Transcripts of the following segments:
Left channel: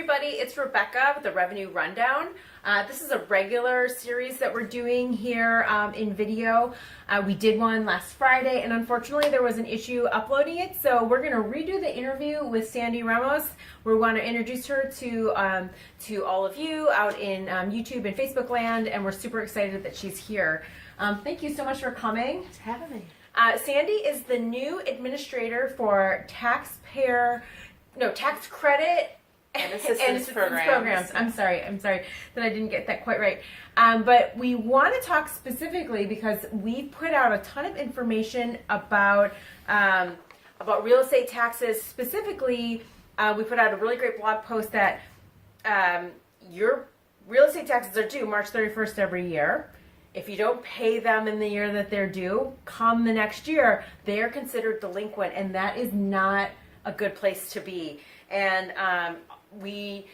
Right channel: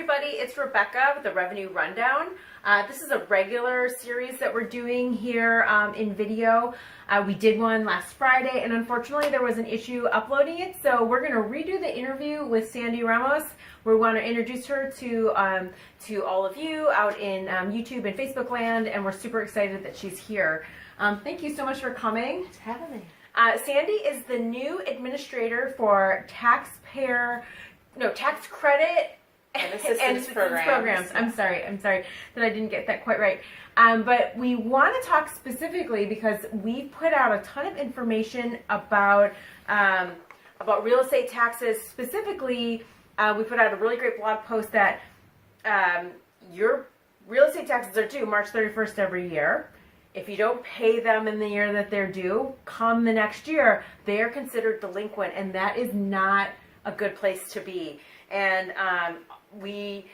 everybody, it's Rebecca with the Revenue Rundown. This is a regular series that we're doing here in video. We did one last Friday, and unfortunately there was an issue uploading it, so we're going to redo the interview with Sandi Ramos. We want to introduce her to all of you out in YouTube and Facebook land, and we're super excited that she's here. Thank you so much for coming. Thanks for having me. Sandi is the new administrator for tax credit and assistance programs. I'm sorry that I didn't get that quite right. But we want to talk specifically because we put out a ton of information about real estate taxes. Specifically, we put out a really great blog post that your real estate taxes are due March 31st every year. If you don't pay them in the year that they're due, come the next year, they are considered delinquent, and that is not a good place to be. And we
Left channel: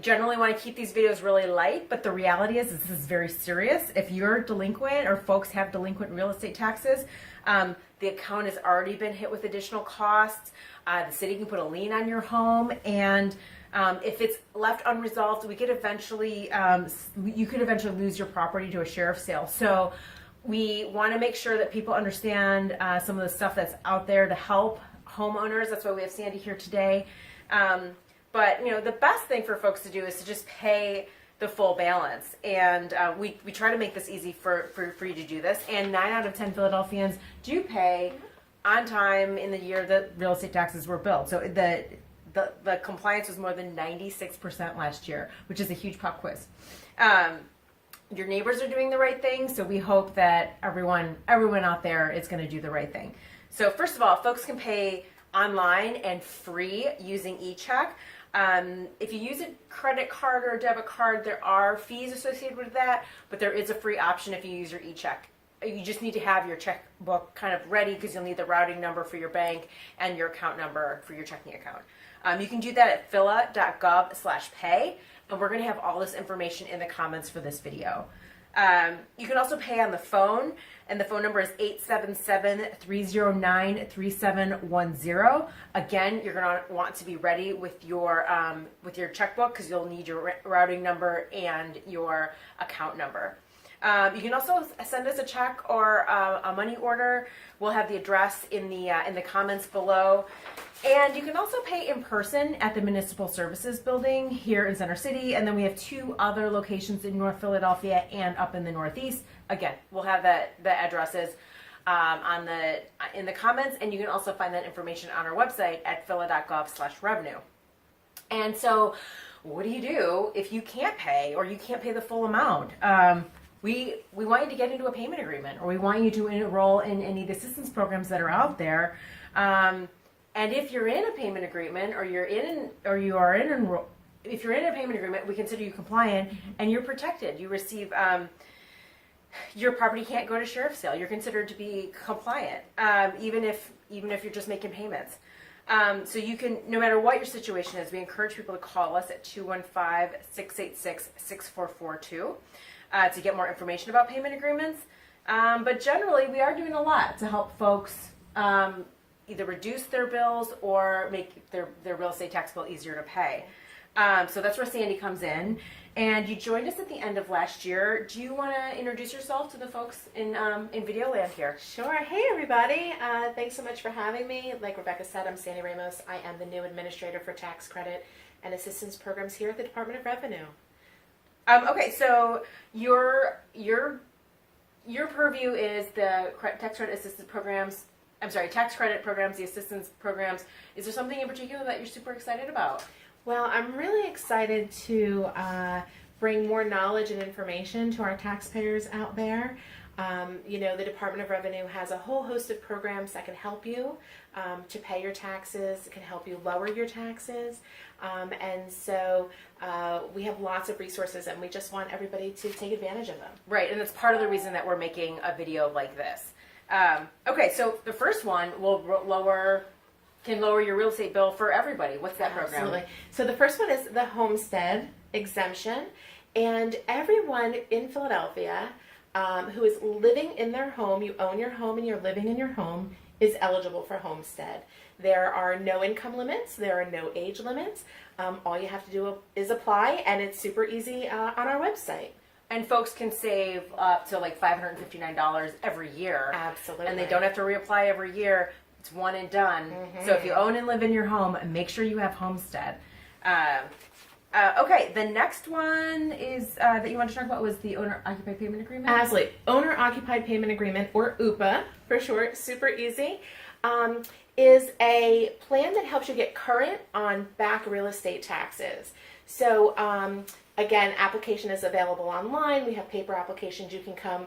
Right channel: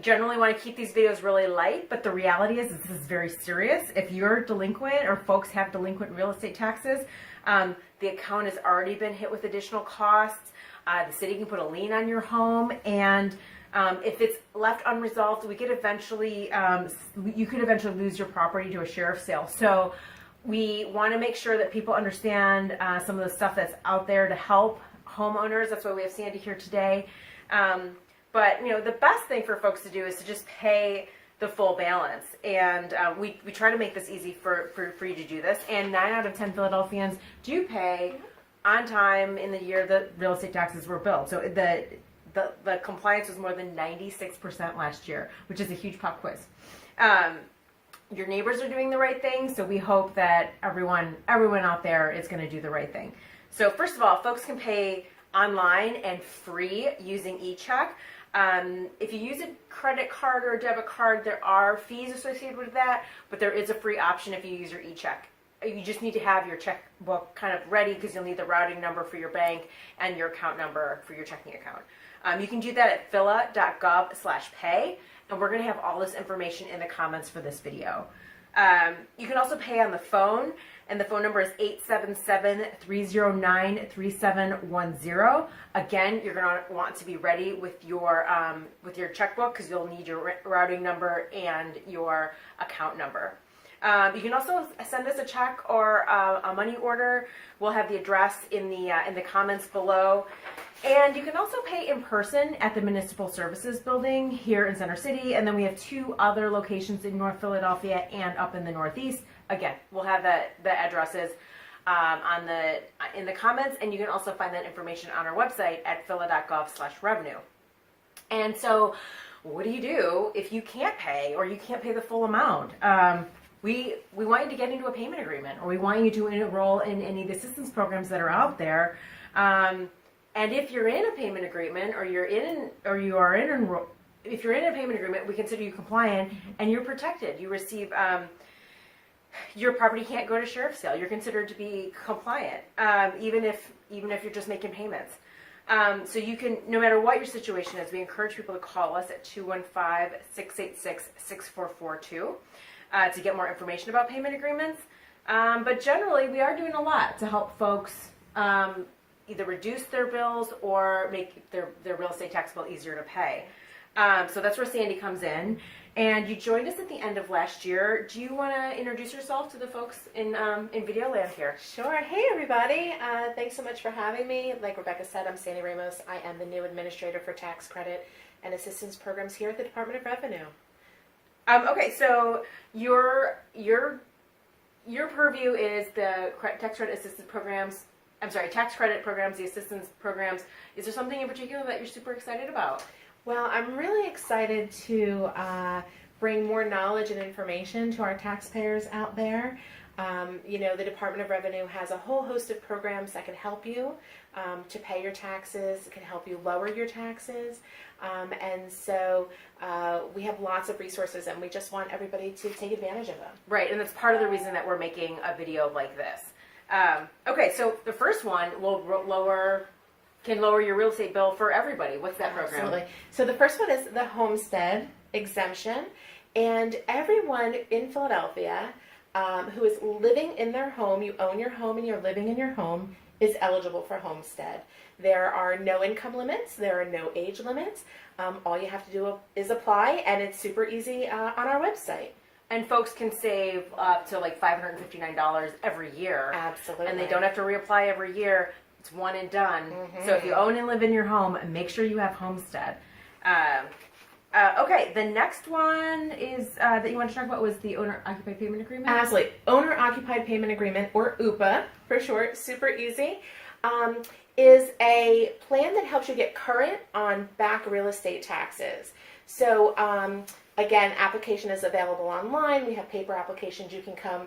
generally want to keep these videos really light, but the reality is this is very serious. If you're delinquent or folks have delinquent real estate taxes, the account has already been hit with additional costs. The city can put a lien on your home, and if it's left unresolved, you could eventually lose your property to a sheriff's sale. So we want to make sure that people understand some of the stuff that's out there to help homeowners. That's why we have Sandi here today. But the best thing for folks to do is to just pay the full balance. And we try to make this easy for you to do this. And 9 out of 10 Philadelphians do pay on time in the year that real estate taxes were billed. So the compliance was more than 96% last year, which is a huge pop quiz. Your neighbors are doing the right thing, so we hope that everyone out there is going to do the right thing. So first of all, folks can pay online and free using e-check. If you use a credit card or a debit card, there are fees associated with that, but there is a free option if you use your e-check. You just need to have your checkbook kind of ready because you'll need the routing number for your bank and your account number for your checking account. You can do that at phila.gov/pay, and we're going to have all this information in the comments for this video. You can also pay on the phone, and the phone number is 877-309-3710. Again, you're going to want to be ready with your checkbook because you'll need your routing number and your account number. You can also send us a check or a money order. We'll have the address in the comments below. And you can also pay in person at the Municipal Services Building here in Center City. And then we have 2 other locations in North Philadelphia and up in the Northeast. Again, we'll have the addresses in the comments. And you can also find that information on our website at phila.gov/revenue. And so what do you do if you can't pay or you can't pay the full amount? We want you to get into a payment agreement, or we want you to enroll in any of the assistance programs that are out there. And if you're in a payment agreement, if you're in a payment agreement, we consider you compliant and you're protected. You receive your property can't go to sheriff's sale. You're considered to be compliant, even if you're just making payments. So you can, no matter what your situation is, we encourage people to call us at 215-686-6442. To get more information about payment agreements. But generally, we are doing a lot to help folks either reduce their bills or make their real estate tax bill easier to pay. So that's where Sandi comes in. And you joined us at the end of last year. Do you want to introduce yourself to the folks in video land here? Sure. Hey, everybody. Thanks so much for having me. Like Rebecca said, I'm Sandi Ramos. I am the new administrator for tax credit and assistance programs here at the Department of Revenue. Okay, so your purview is the tax credit assistance programs. I'm sorry, tax credit programs, the assistance programs. Is there something in particular that you're super excited about? Well, I'm really excited to bring more knowledge and information to our taxpayers out there. The Department of Revenue has a whole host of programs that can help you to pay your taxes. It can help you lower your taxes. And so we have lots of resources, and we just want everybody to take advantage of them. Right, and that's part of the reason that we're making a video like this. Okay, so the first one can lower your real estate bill for everybody. What's that program? Absolutely. So the first one is the homestead exemption, and everyone in Philadelphia who is living in their home, you own your home and you're living in your home, is eligible for homestead. There are no income limits. There are no age limits. All you have to do is apply, and it's super easy on our website. And folks can save up to like $559 every year. Absolutely. And they don't have to reapply every year. It's one and done. So if you own and live in your home, make sure you have homestead. Okay, the next one is that you want to talk about was the owner-occupied payment agreement? Absolutely. Owner-occupied payment agreement, or OOPA for short, super easy, is a plan that helps you get current on back real estate taxes. So again, application is available online. We have paper applications. You can come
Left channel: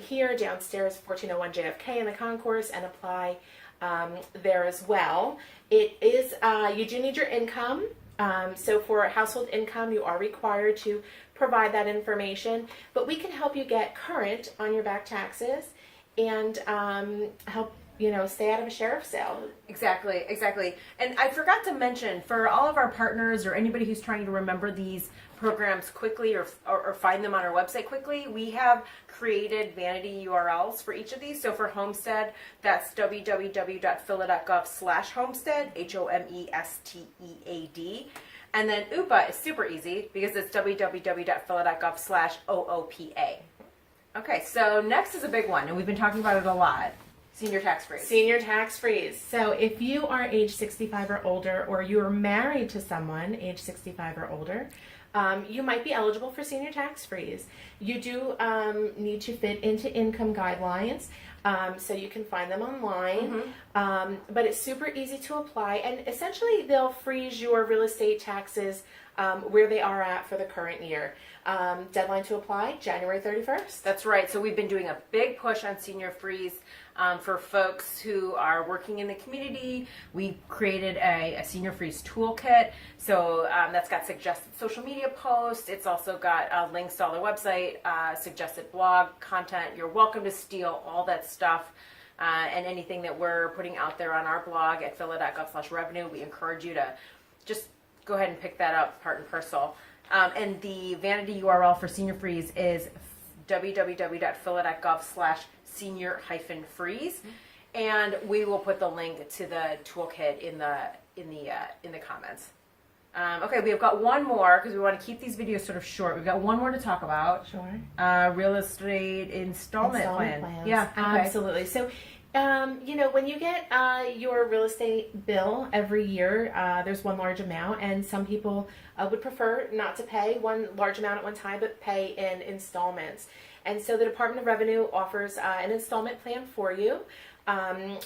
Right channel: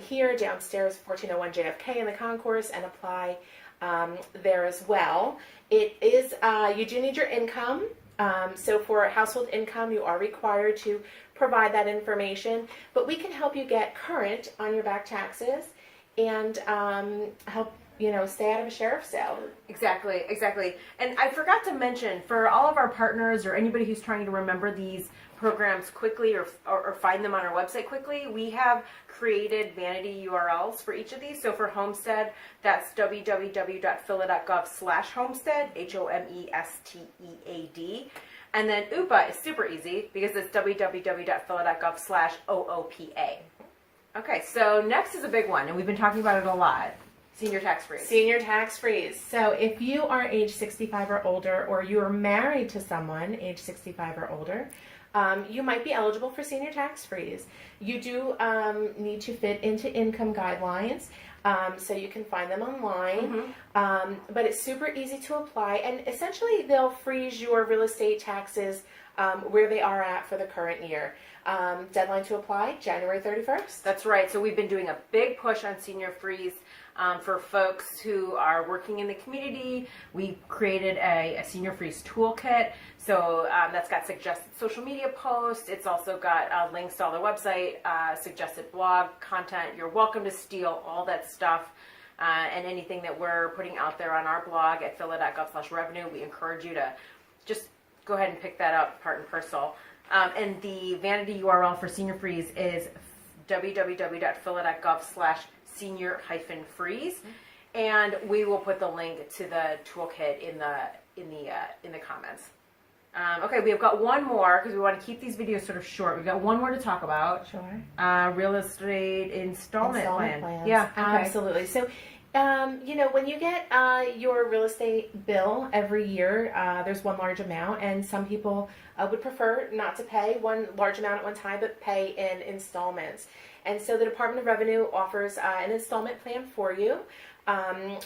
here downstairs, 1401 JFK in the concourse, and apply there as well. It is, you do need your income. So for household income, you are required to provide that information, but we can help you get current on your back taxes and help stay out of a sheriff's sale. Exactly. And I forgot to mention, for all of our partners or anybody who's trying to remember these programs quickly or find them on our website quickly, we have created vanity URLs for each of these. So for Homestead, that's www.phila.gov/homestead, HOMESTEAD. And then OOPA is super easy because it's www.phila.gov/OOPA. Okay, so next is a big one, and we've been talking about it a lot. Senior tax freeze. Senior tax freeze. So if you are age 65 or older, or you are married to someone age 65 or older, you might be eligible for senior tax freeze. You do need to fit into income guidelines, so you can find them online. But it's super easy to apply, and essentially they'll freeze your real estate taxes where they are at for the current year. Deadline to apply, January 31st. That's right. So we've been doing a big push on senior freeze. For folks who are working in the community, we created a senior freeze toolkit. So that's got suggested social media posts. It's also got links to all their website, suggested blog content. You're welcome to steal all that stuff and anything that we're putting out there on our blog at phila.gov/revenue. We encourage you to just go ahead and pick that up part and parcel. And the vanity URL for senior freeze is www.phila.gov/senior-freeze, and we will put the link to the toolkit in the comments. Okay, we've got one more because we want to keep these videos sort of short. We've got one more to talk about. Sure. Real estate installment plan. Plans. Yeah, okay. Absolutely. So, when you get your real estate bill every year, there's one large amount, and some people would prefer not to pay one large amount at one time, but pay in installments. And so the Department of Revenue offers an installment plan for you.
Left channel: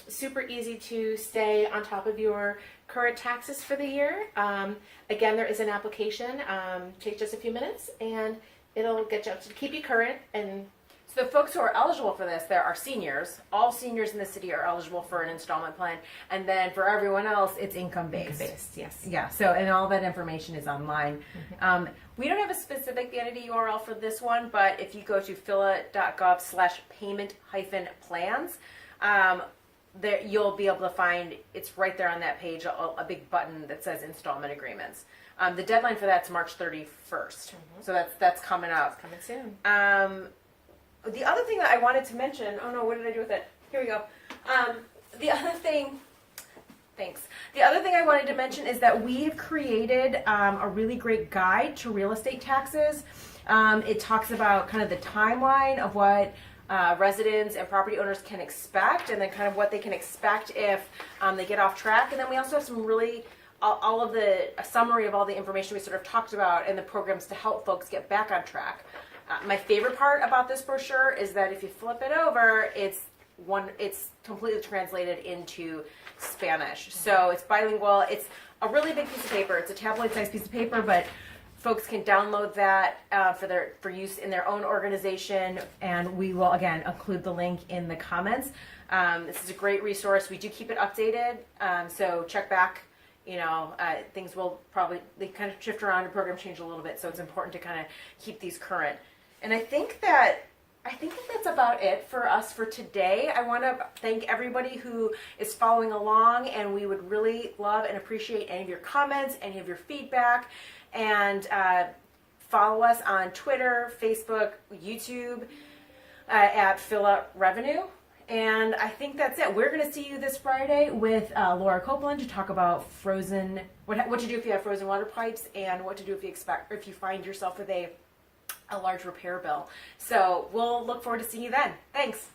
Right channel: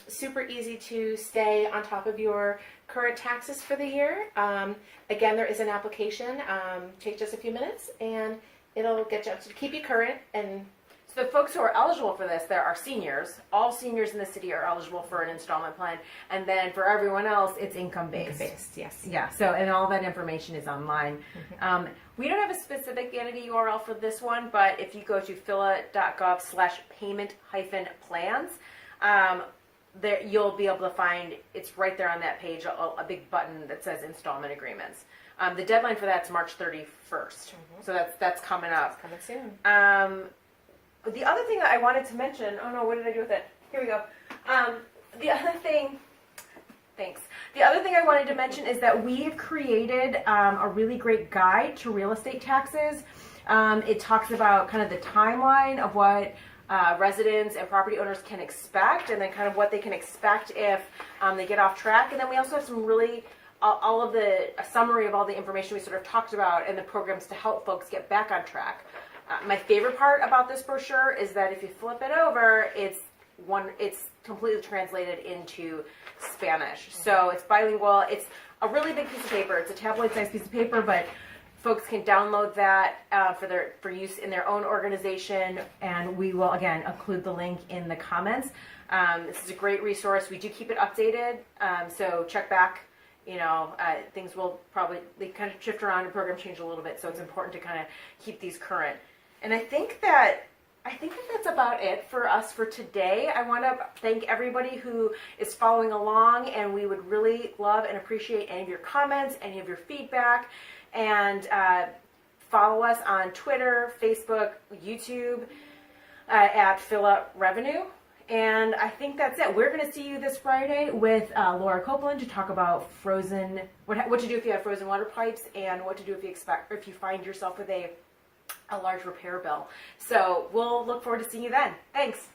Super easy to stay on top of your current taxes for the year. Again, there is an application. Takes just a few minutes, and it'll get you up to keep you current. And so the folks who are eligible for this, there are seniors. All seniors in the city are eligible for an installment plan. And then for everyone else, it's income-based. Income-based, yes. Yeah, so, and all that information is online. We don't have a specific vanity URL for this one, but if you go to phila.gov/payment-plans, there you'll be able to find, it's right there on that page, a big button that says installment agreements. The deadline for that's March 31st. So that's coming up. It's coming soon. The other thing that I wanted to mention, oh no, what did I do with it? Here we go. The other thing I wanted to mention is that we've created a really great guide to real estate taxes. It talks about kind of the timeline of what residents and property owners can expect, and then kind of what they can expect if they get off track. And then we also have some really a summary of all the information we sort of talked about and the programs to help folks get back on track. My favorite part about this brochure is that if you flip it over, it's completely translated into Spanish. So it's bilingual. It's a really big piece of paper. It's a tabloid-sized piece of paper, but folks can download that for use in their own organization, and we will again include the link in the comments. This is a great resource. We do keep it updated, so check back. Things will they kind of shift around and programs change a little bit, so it's important to kind of keep these current. And I think that's about it for us for today. I want to thank everybody who is following along, and we would really love and appreciate any of your comments, any of your feedback, and follow us on Twitter, Facebook, YouTube at Phila Revenue. And I think that's it. We're going to see you this Friday with Laura Copeland to talk about what to do if you have frozen water pipes, and what to do if you find yourself with a large repair bill. So we'll look forward to seeing you then. Thanks.